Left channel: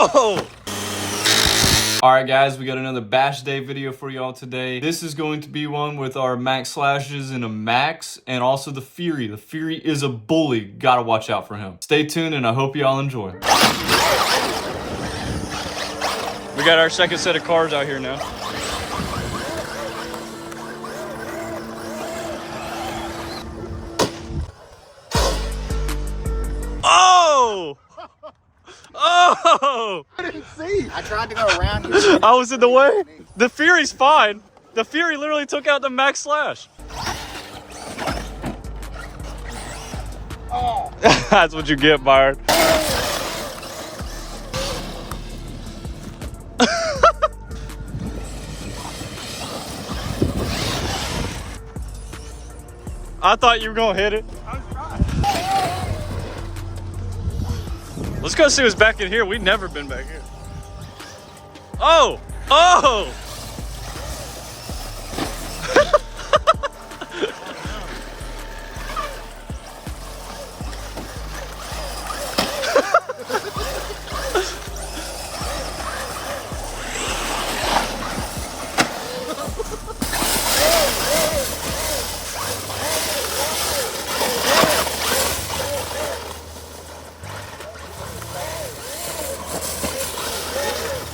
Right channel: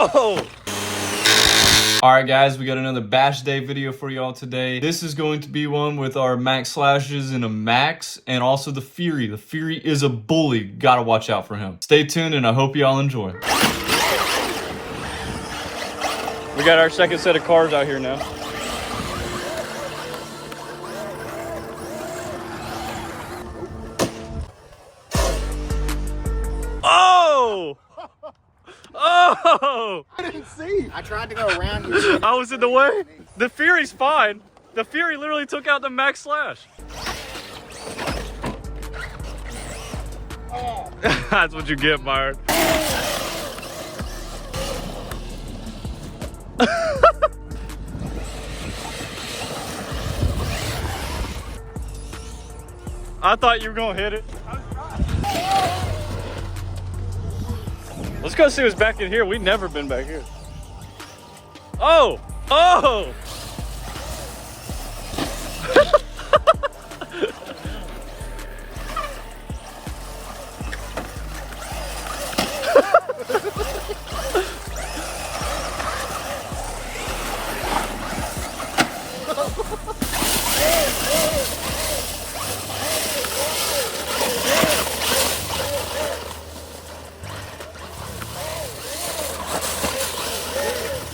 Oh! Alright guys, we got another bash day video for y'all today. This is going to be one with our max slashes and a max, and also the Fury. The Fury is a bully. Gotta watch out for him. Stay tuned and I hope y'all enjoy. We got our second set of cars out here now. Oh! Oh! I didn't see. I tried to go around you. I was in the way. The Fury's fine. The Fury literally took out the max slash. Oh. That's what you get, Byron. I thought you were gonna hit it. Let's go see what's back in here. We've never been back here. Oh! Oh!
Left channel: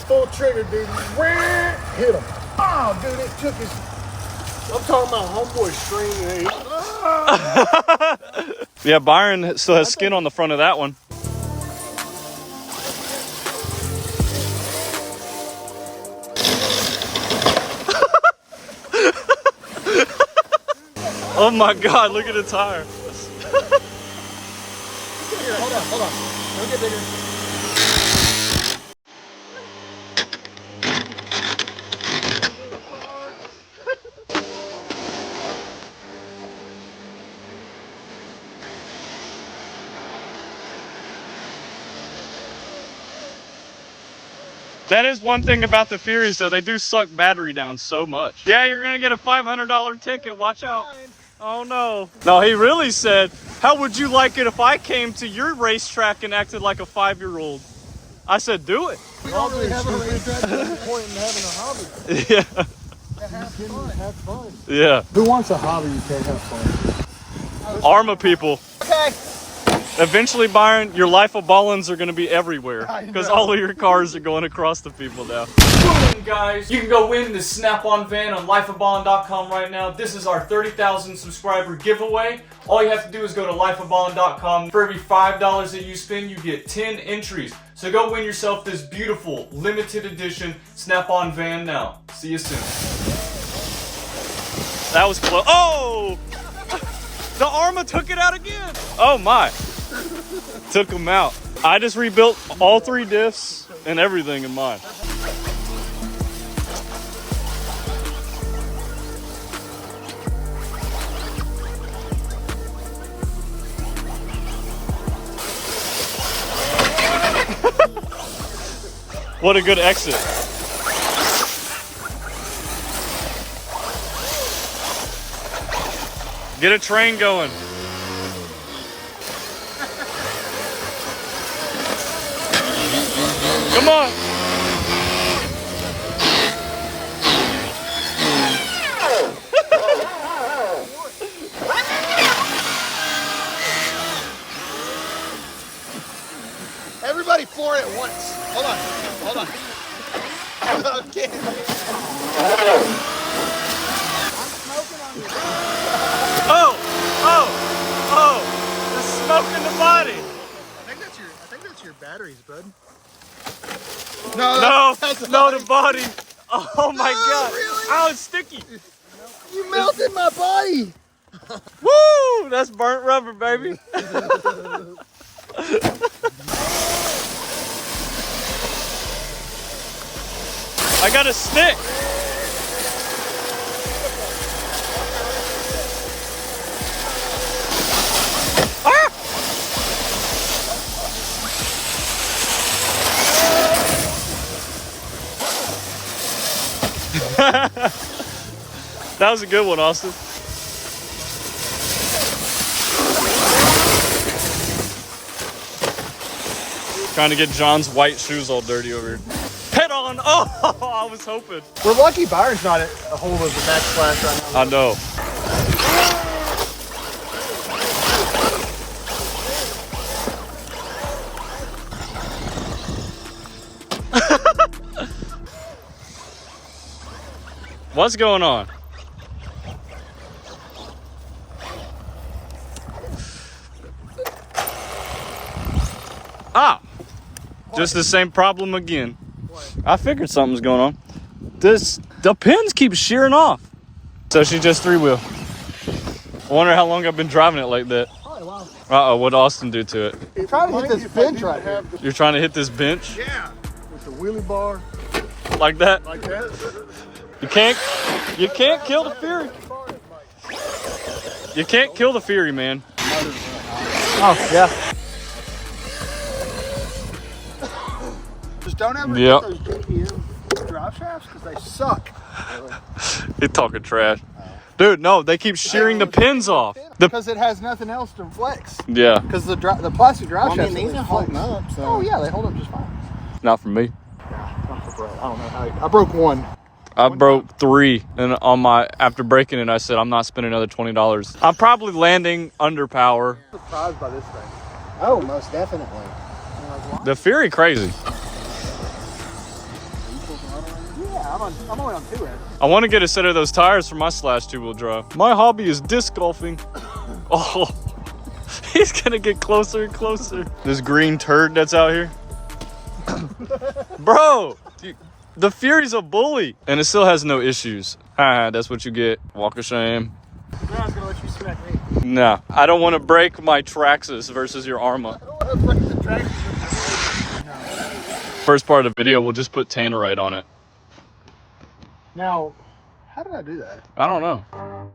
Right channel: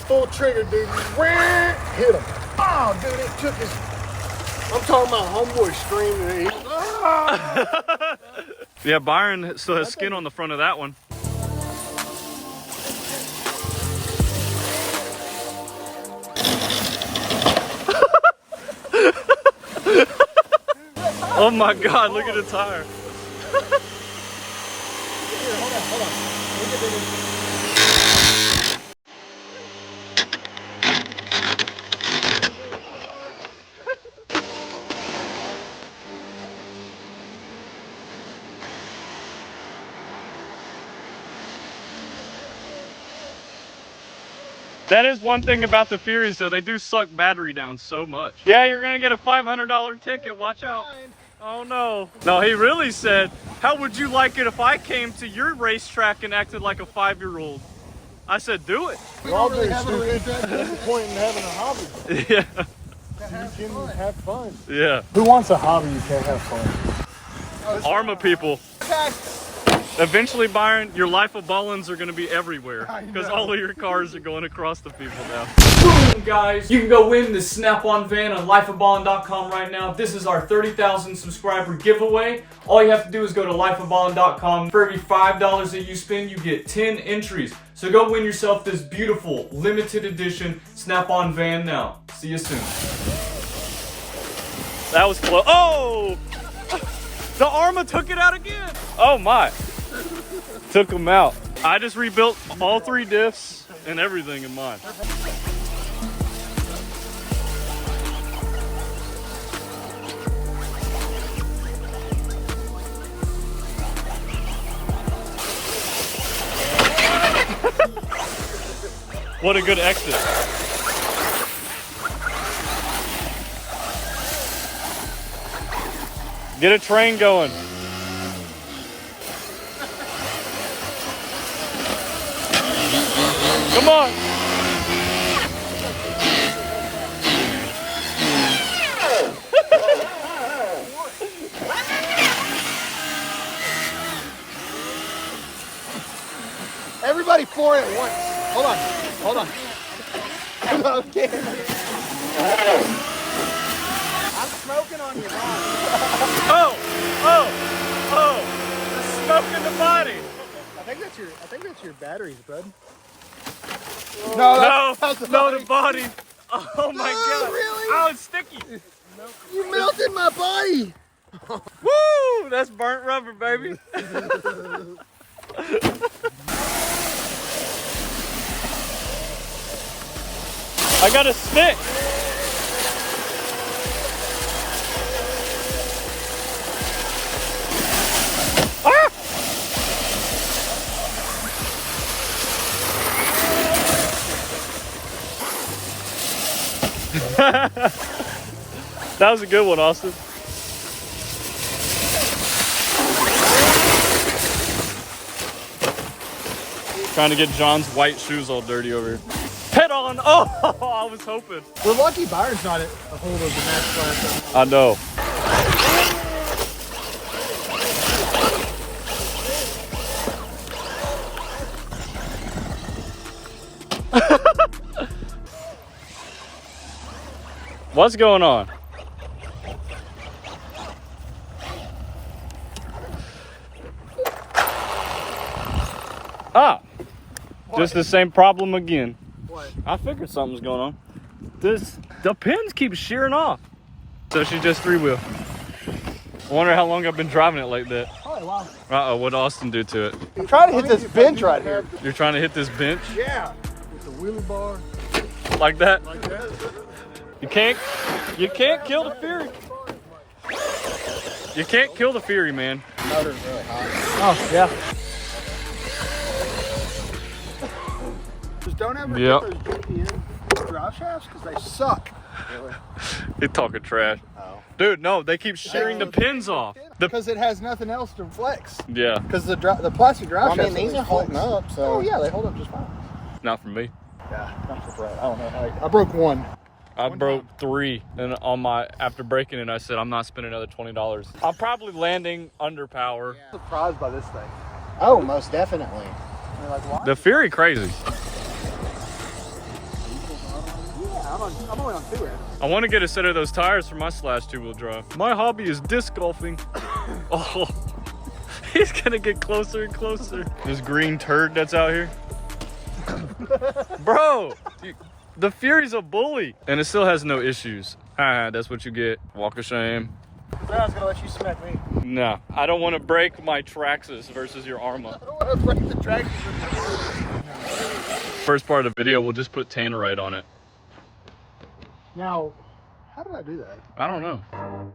Full trigger, dude. Hit him. Oh, dude, it took his. I'm talking about homeboy screaming. Ah! Yeah, Byron still has skin on the front of that one. Oh my God, look at the tire. That is one thing about the Furies, though. They do suck battery down so much. Yeah, you're gonna get a $500 ticket. Watch out. Oh no. No, he really said, how would you like it if I came to your racetrack and acted like a 5-year-old? I said, do it. We don't really have a racetrack. There's no point in having a hobby. Yeah. Have fun. Yeah. Who wants a hobby you can't have fun? Arrma people. Okay. Eventually, Byron, your life of ballins are going to be everywhere because all of your cars are going across the people now. Boom, guys. You can go win the Snap-on van on lifeofballin.com right now. This is our 30,000 subscriber giveaway. All you have to do is go to lifeofballin.com. For every $5 that you spend, you get 10 entries. So go win yourself this beautiful, limited edition Snap-on van now. See you soon. That was close. Oh! The Arrma took it out again. Oh my. Took them out. I just rebuilt all 3 diffs and everything in mine. What a good exit. Get a train going. Come on. Everybody for it once. Hold on. Okay. I'm smoking on you. Oh. The smoke in the body. I think that's your batteries, bud. No, the body. Oh my God. Really? Oh, it's sticky. You melted my body. Woo! That's burnt rubber, baby. I got a stick. Ah! That was a good one, Austin. Trying to get John's white shoes all dirty over here. Head on! Oh, I was hoping. We're lucky Byron's not a hold of the match class. I know. What's going on? Ah, just the same problem again. What? I figured something's going on. The pins keep shearing off. So she just 3-wheel. I wonder how long I've been driving it like that. Uh-oh, what'd Austin do to it? You're trying to hit this bench right here. You're trying to hit this bench? Yeah. With the wheelie bar. Like that? Like that. You can't kill the Fury. You can't kill the Fury, man. The motor's really hot. Oh, yeah. Just don't ever get those DPM drive shafts because they suck. You're talking trash. Oh. Dude, no, they keep shearing the pins off. Because it has nothing else to flex. Yeah. Because the plastic drive shafts. I mean, these are holding up, so. Oh, yeah, they hold up just fine. Not for me. Yeah, not for Brett. I don't know how. I broke one. I broke 3, and after breaking it, I said I'm not spending another $20. I'm probably landing under power. I'm surprised by this thing. Oh, most definitely. Like, why? The Fury crazy. I want to get a set of those tires for my slash 2-wheel drive. My hobby is disc golfing. Oh, he's gonna get closer and closer. This green turd that's out here. Bro, the Fury's a bully. And it still has no issues. That's what you get. Walk of shame. I was gonna let you smack me. No, I don't want to break my traxxas versus your Arrma. I don't want to break the traxxas with your First part of the video, we'll just put tannerite on it. Now, how did I do that? I don't know.